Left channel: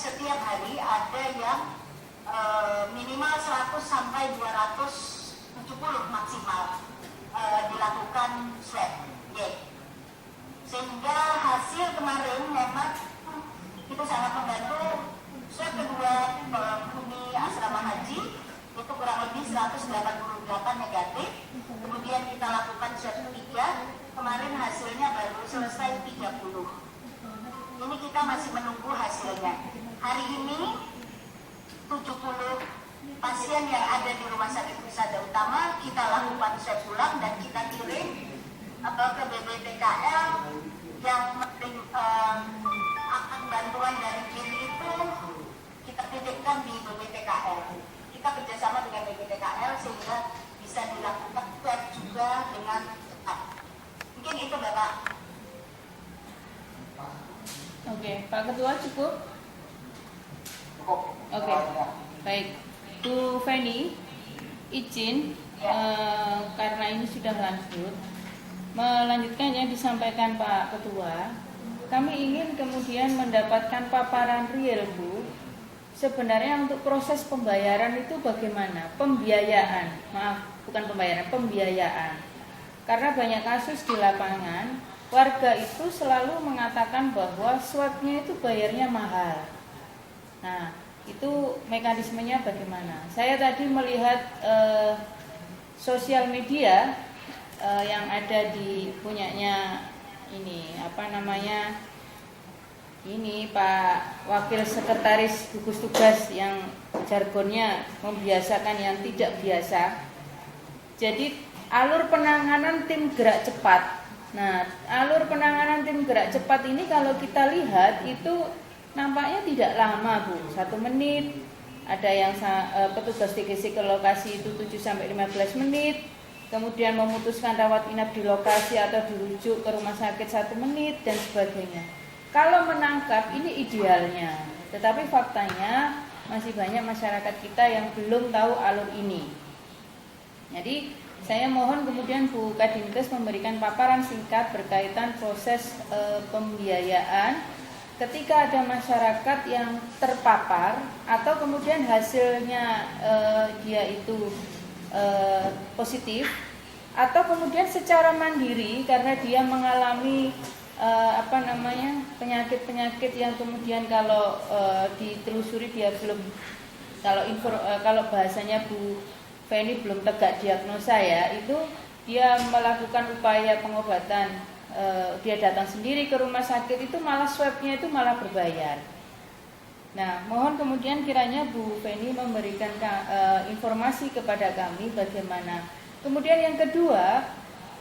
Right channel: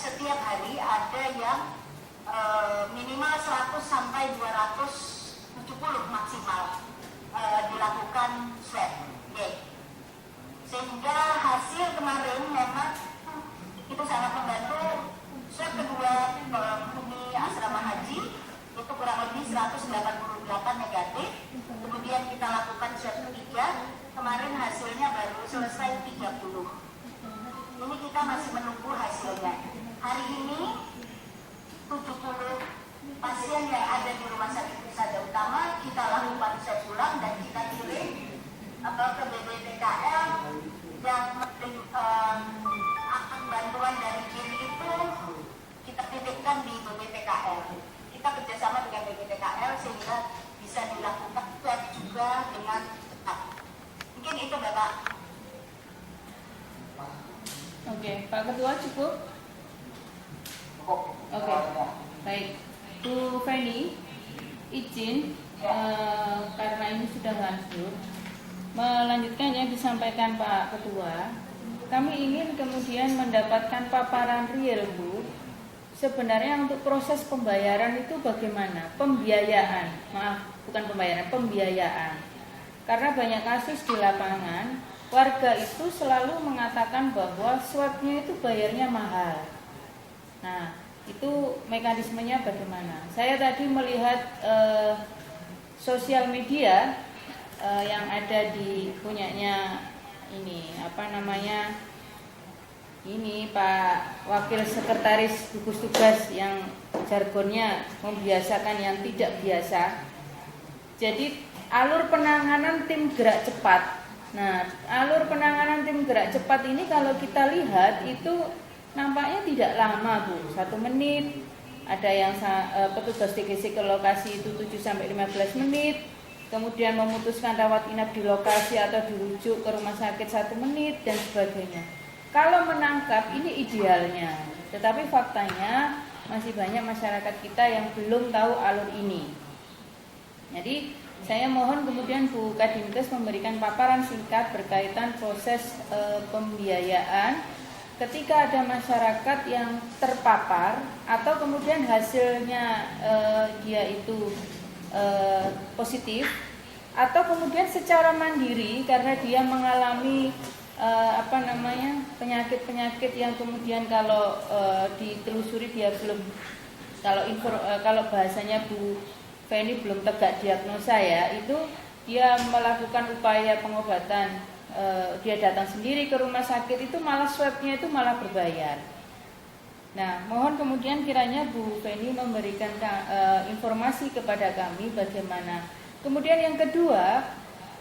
setiap hari ada yang minimal 100 sampai 270 maksimal dilakukan swab. Sehingga hasil kemarin memang itu sangat membantu. Swab kedua penghuni asrama haji itu kurang lebih 188 negatif. Kemudian kita lakukan swab ketiga, kemarin hasilnya baru selesai 30. Ini kita masih menunggu hasilnya. Hari ini 70 pasien yang ada di Rumah Sakit Husada Utama kita lakukan swab ulang dan kita kirim ke BPTKL yang akan bantuan dari kiri itu kita titipkan di BPTKL. Kita kerjasama dengan BPTKL sehingga bisa dilakukan swab juga dengan cepat. Mungkin itu Bapak. Oke, Pak Ketua cukup? Oke, baik. Bu Feni, izin karena ini sudah lanjut, melanjutkan yang disampaikan Pak Ketua. Kami ingin kemudian mendapatkan paparan real, Bu. Sebenarnya untuk proses pembayaran itu bagaimana? Pembiayaan, maaf, bukan pembayaran, pembiayaan. Karena banyak kasus di lapangan, warga itu selalu mengatakan bahwa swabnya itu bayarnya mahal. Nah, itu mekanismenya bagaimana? Saya tadi melihat sosial media yang ada di punyanya ini ini Pak Wakil Sekretaris Gugus Tugas yang jargonnya membiasakan yang tidak biasa. Jadi alur penanganan tim gerak cepat. Nah, alur penanganan tim gerak cepat ini kalau kita lihat itu nampaknya tidak lama, Bu. 1 menit. Ada yang petugas TGC ke lokasi itu 7 sampai 15 menit. Kemudian memutuskan rawat inap di lokasi atau dirujuk ke rumah sakit 1 menit dan sebagainya. Kalau menangkap ini idealnya. Tetapi faktanya masih banyak masyarakat kita yang belum tahu alur ini. Jadi saya mohon kemudian Bu Kadinkes memberikan paparan singkat berkaitan proses pembiayaan ketika ada masyarakat yang terpapar atau kemudian hasilnya dia itu positif, atau kemudian secara mandiri karena dia mengalami penyakit-penyakit yang kemudian kalau ditelusuri dia belum, kalau bahasanya Bu Feni belum tegak diagnosa ya, itu dia melakukan upaya pengobatan, dia datang sendiri ke rumah sakit, itu malah swabnya itu malah berbayar. Nah, mohon kemudian kiranya Bu Feni memberikan informasi kepada kami bagaimana. Kemudian yang kedua,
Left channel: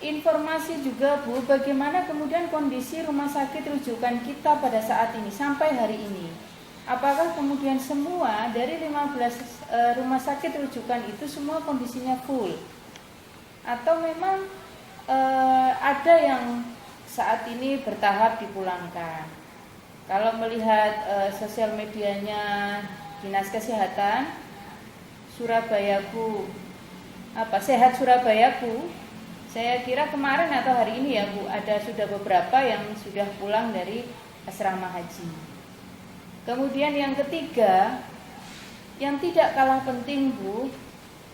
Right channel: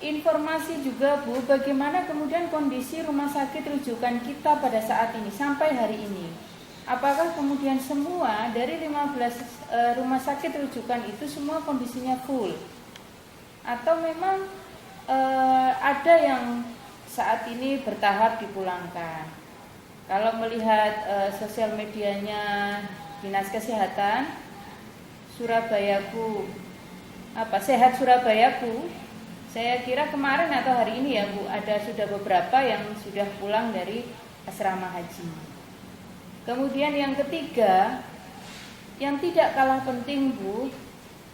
informasi juga Bu, bagaimana kemudian kondisi rumah sakit rujukan kita pada saat ini sampai hari ini. Apakah kemudian semua dari 15 rumah sakit rujukan itu semua kondisinya full? Atau memang ada yang saat ini bertahap dipulangkan? Kalau melihat sosial medianya Dinas Kesehatan Surabayaku, Sehat Surabayaku, saya kira kemarin atau hari ini ya Bu, ada sudah beberapa yang sudah pulang dari asrama haji. Kemudian yang ketiga, yang tidak kalah penting Bu,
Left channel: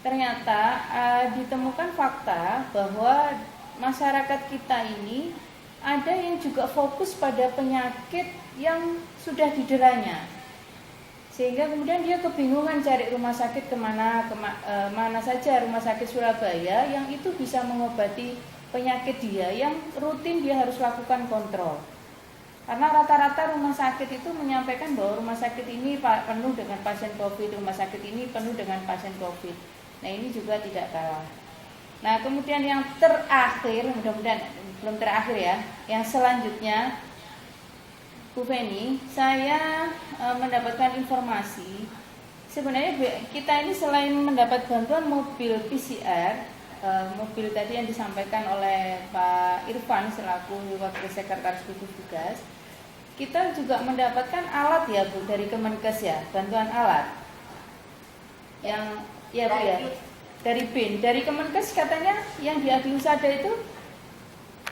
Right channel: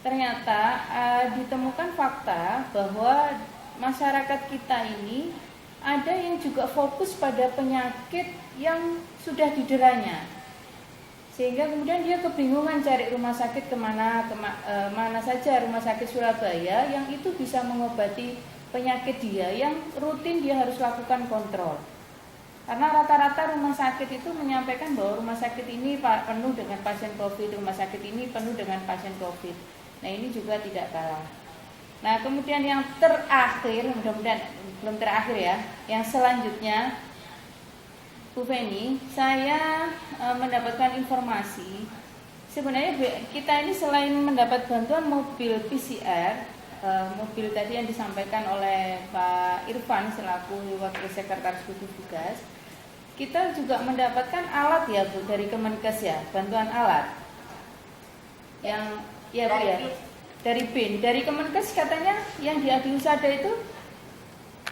ternyata ditemukan fakta bahwa masyarakat kita ini ada yang juga fokus pada penyakit yang sudah dideranya, sehingga kemudian dia kebingungan cari rumah sakit kemana, mana saja rumah sakit Surabaya yang itu bisa mengobati penyakit dia yang rutin dia harus lakukan kontrol. Karena rata-rata rumah sakit itu menyampaikan bahwa rumah sakit ini penuh dengan pasien COVID, rumah sakit ini penuh dengan pasien COVID. Nah, ini juga tidak kalah. Nah, kemudian yang terakhir, mudah-mudahan belum terakhir ya, yang selanjutnya Bu Feni, saya mendapatkan informasi sebenarnya kita ini selain mendapat bantuan mobil PCR, mobil tadi yang disampaikan oleh Pak Irfan selaku Wakil Sekretaris Gugus Tugas, kita juga mendapatkan alat ya Bu dari Kemenkes ya, bantuan alat yang ya Bu ya, dari BIN, dari Kemenkes katanya yang di Adi Husada itu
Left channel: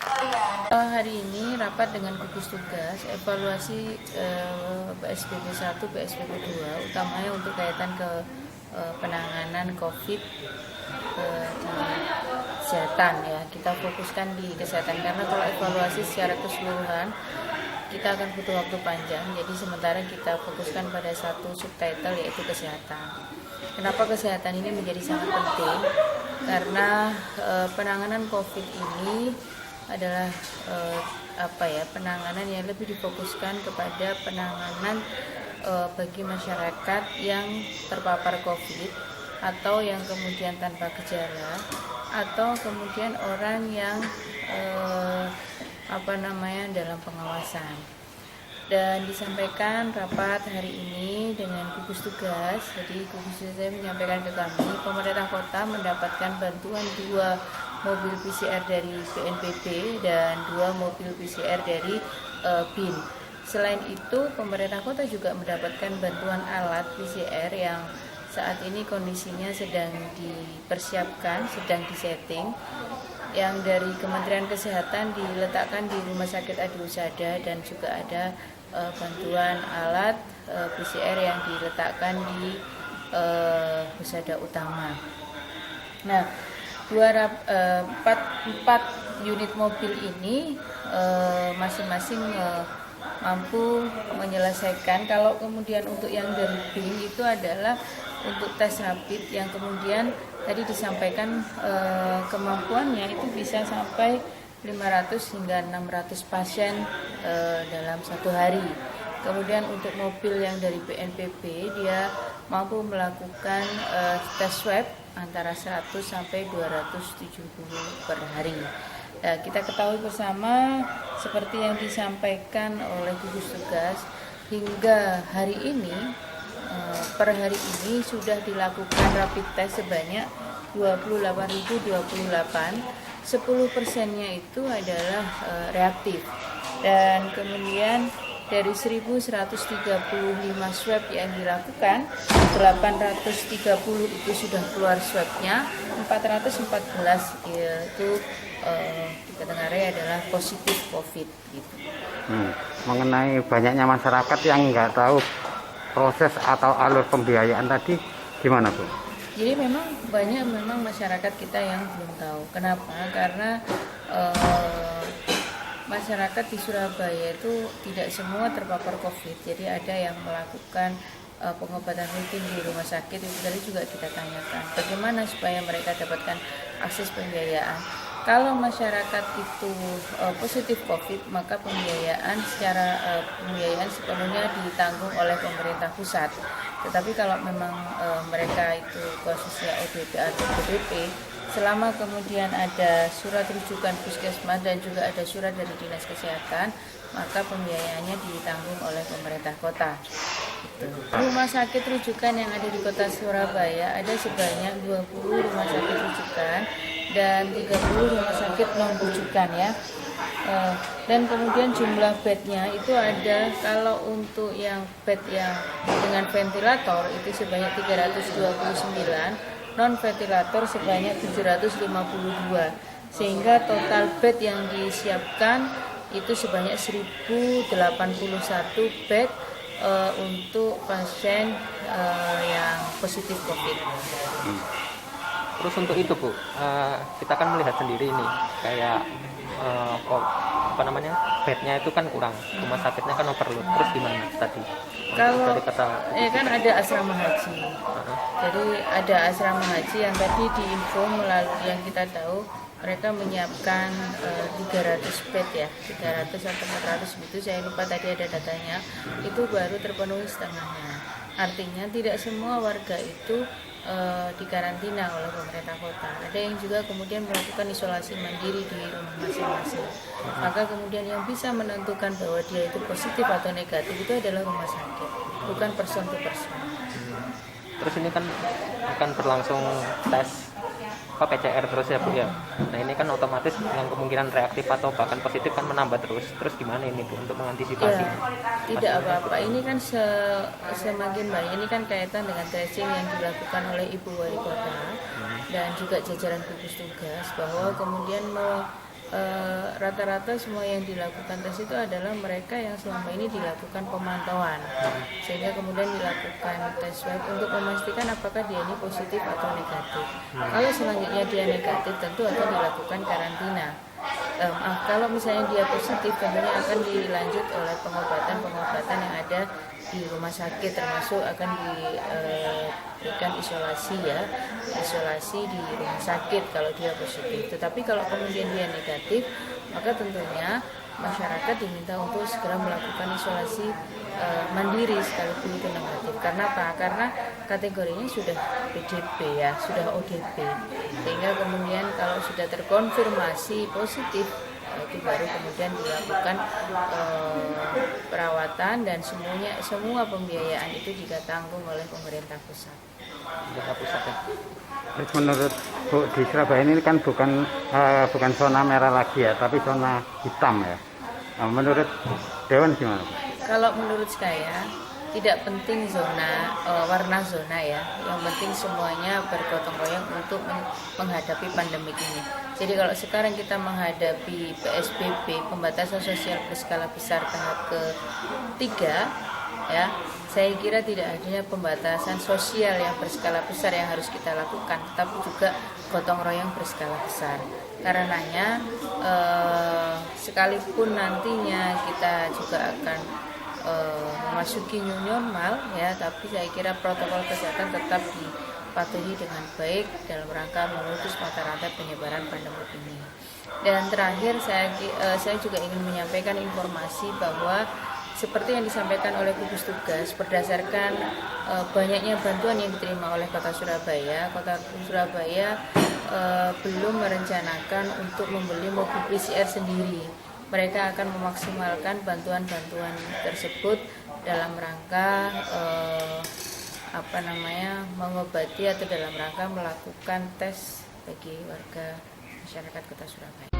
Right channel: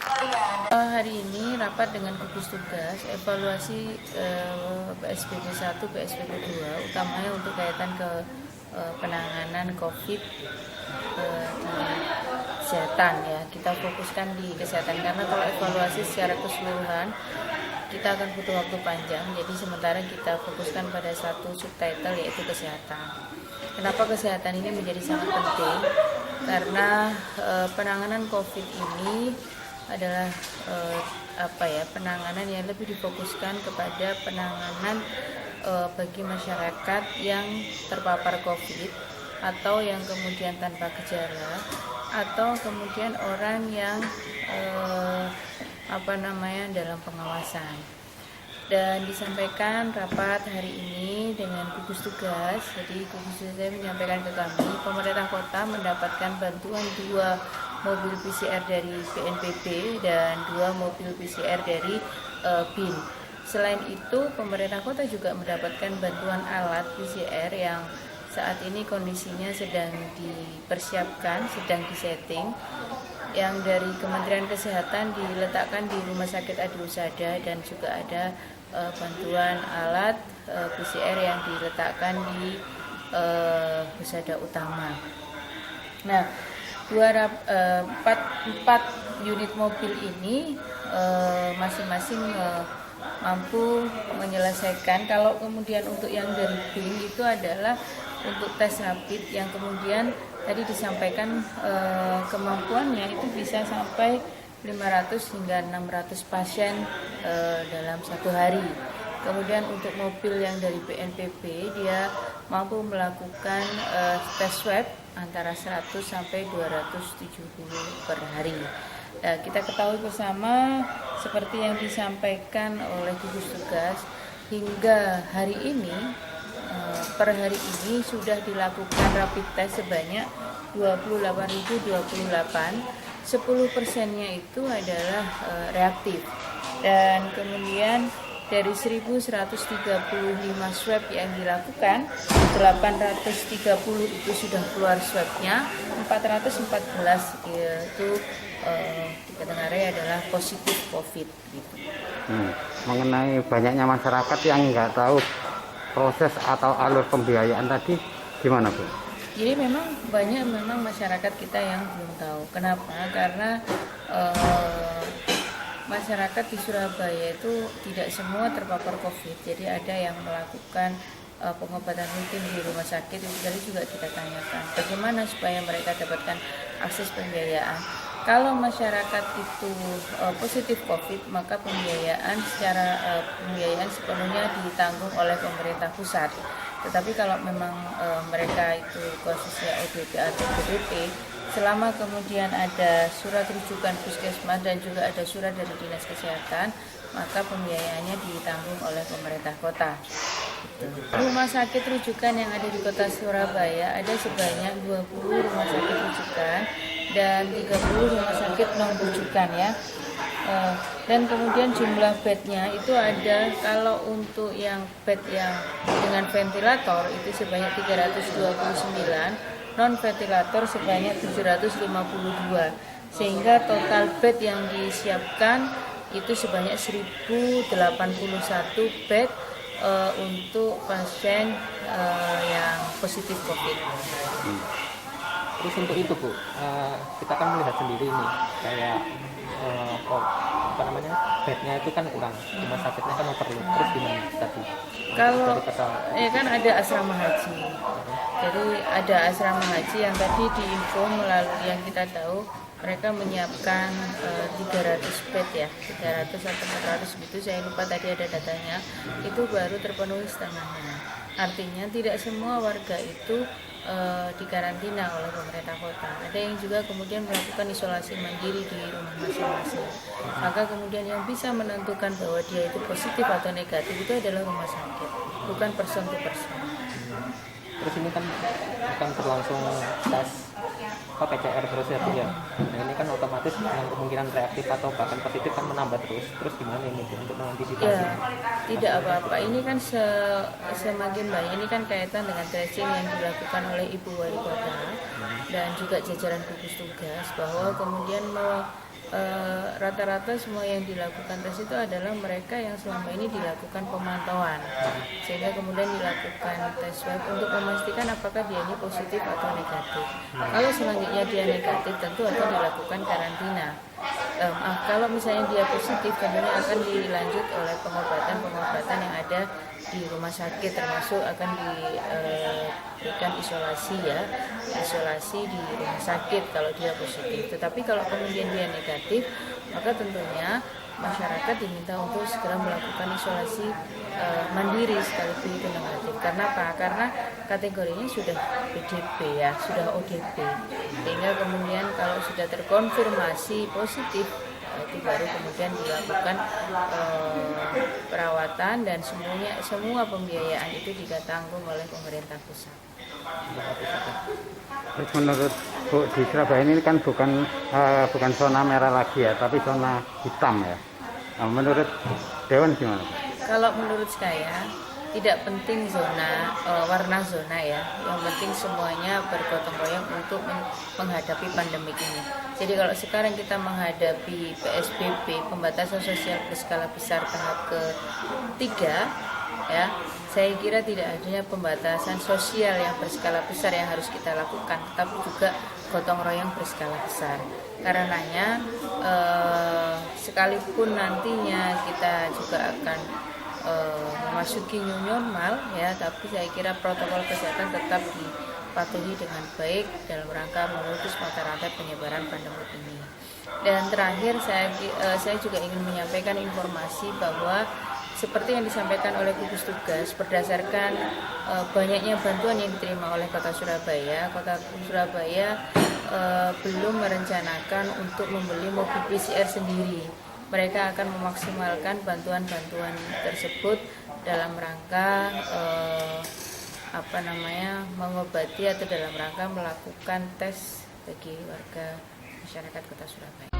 Oh iya, Hari ini rapat dengan gugus tugas evaluasi PSBB 1, PSBB 2, utamanya untuk kaitan ke penanganan COVID di kesehatan ya. Kita fokuskan di kesehatan karena kalau evaluasi secara keseluruhan kita akan butuh waktu panjang. Jadi sementara kita fokuskan pada satu subtitle yaitu kesehatan. Kenapa kesehatan ini menjadi sangat penting? Karena penanganan COVID ini adalah penanganan yang lebih difokuskan kepada penanganan bagi masyarakat yang terpapar COVID atau yang kemudian tanpa gejala atau kemudian orang yang dalam pengawasan. Dan disampaikan rapat hari ini dengan gugus tugas. Jadi gugus tugas saya menyampaikan ke kami, pemerintah kota mendapatkan bantuan 2 mobil PCR dari BNPB dan 2 mobil PCR dari BIN. Selain itu, pemerintah kota juga mendapatkan bantuan alat PCR yang saat ini kondisinya sedang dipersiapkan, sedang disetting, yang dari Kementerian Kesehatan diletakkan di Rumah Sakit Adi Husada, dan juga ada bantuan alat PCR yang diletakkan di Husada Utama. Nah, 4 unit mobil ini masing-masing mampu menyelesaikan. Kalau kemudian untuk yang dari BIN itu adalah untuk tes rapid yang kemudian tadi disampaikan kemampuannya itu bisa sampai 500 hingga 600 pasien dalam satu hari. Kemudian untuk mobil yang dari BNPB dia mampu melakukan tes swab antara 100 sampai 270 per hari. Kita ketahui bersama seperti yang disampaikan oleh gugus tugas, hingga hari ini per hari ini sudah dilakukan rapid test sebanyak 28.028. 10%-nya itu adalah reaktif, dan kemudian dari 1.135 swab yang dilakukan, 830 itu sudah keluar swabnya, 414 itu dikategori adalah positif COVID gitu. Mengenai banyaknya masyarakat yang nggak tahu proses atau alur pembiayaan tadi, gimana Bu? Jadi banyak masyarakat kita yang belum tahu. Kenapa? Karena masyarakat di Surabaya itu tidak semua terpapar COVID. Jadi ada yang melakukan pengobatan rutin di rumah sakit. Itu tadi juga kita tanyakan, bagaimana supaya mereka dapatkan akses pembiayaan. Kalau masyarakat itu positif COVID, maka pembiayaan sepenuhnya ditanggung oleh pemerintah pusat. Tetapi kalau memang mereka itu khususnya ODP atau PDP, selama kemudian ada surat rujukan puskesmas dan juga ada surat dari Dinas Kesehatan, maka pembiayaannya ditanggung oleh pemerintah kota. Rumah sakit rujukan yang ada di kota Surabaya ada sebanyak 20 rumah sakit rujukan dan 30 rumah sakit non rujukan ya. Dan kemudian jumlah bednya itu ada, kalau untuk yang bed yang dengan ventilator itu sebanyak 329, non ventilator sebanyak 752, sehingga total bed yang disiapkan itu sebanyak 1081 bed untuk pasien yang positif COVID. Terus untuk itu Bu, kita kan melihat sendiri ini kayak bednya itu kan kurang, rumah sakitnya kan overload. Terus gimana tadi? Kalau kan ada asrama haji, jadi ada asrama haji yang tadi diinfo melalui yang kita tahu mereka menyiapkan 300 bed ya, 300 atau 400 gitu, saya lupa tadi ada datanya, itu baru terpenuhi setengahnya. Artinya tidak semua warga itu dikarantina oleh pemerintah kota. Ada yang juga kemudian melakukan isolasi mandiri di rumah masing-masing. Maka kemudian yang bisa menentukan bahwa dia itu positif atau negatif itu adalah rumah sakit, bukan person to person. Terus ini kan akan berlangsung tes PCR terus ya Bu ya. Nah ini kan otomatis yang kemungkinan reaktif atau bahkan positif kan menambah terus. Terus gimana ini Bu untuk mengantisipasi? Ya, tidak apa-apa. Ini kan semakin baik. Ini kan kaitan dengan tracing yang dilakukan oleh Ibu Wali Kota dan juga jajaran gugus tugas, bahwa kemudian rata-rata semua yang dilakukan tes itu adalah mereka yang selama ini dilakukan pemantauan, sehingga kemudian dilakukan tes swab untuk memastikan apakah dia ini positif atau negatif. Kalau selanjutnya dia negatif, tentu akan dilakukan karantina. Kalau misalnya dia positif, tentunya akan dilanjut oleh pengobatan yang ada di rumah sakit, termasuk akan diberikan isolasi di rumah sakit kalau dia positif. Tetapi kalau kemudian dia negatif, maka tentunya masyarakat diminta untuk segera melakukan isolasi mandiri sekalipun itu negatif. Karena apa? Karena kategorinya sudah PDP sudah ODP. Sehingga kemudian kalau sudah terkonfirmasi positif, itu baru kemudian dilakukan perawatan dan semua pembiayaan itu juga tanggung oleh pemerintah pusat. Terus menurut Bu, di Surabaya ini kan bukan zona merah lagi ya, tapi zona hitam ya. Nah, menurut Dewan gimana, Bu? Kalau menurut saya tidak penting warna zona ya, yang penting semuanya bergotong royong untuk menghadapi pandemik ini. Jadi kalau sekarang kita menghadapi PSBB, pembatasan sosial berskala besar tahap ketiga, ya, saya kira tidak adanya pembatasan sosial yang berskala besar yang harus kita lakukan, tetapi juga gotong royong berskala besar. Karenanya sekalipun nantinya kita juga akan memasuki new normal ya, tapi saya kira protokol kesehatan tetap dipatuhi dengan baik dalam rangka memutus mata rantai penyebaran pandemi ini. Dan terakhir saya juga ingin menyampaikan informasi bahwa seperti yang disampaikan oleh gugus tugas, berdasarkan banyaknya bantuan yang diterima oleh Kota Surabaya belum merencanakan untuk membeli mobil PCR sendiri. Mereka akan memaksimalkan bantuan-bantuan tersebut dalam rangka mengobati atau dalam rangka melakukan tes bagi warga masyarakat Kota Surabaya.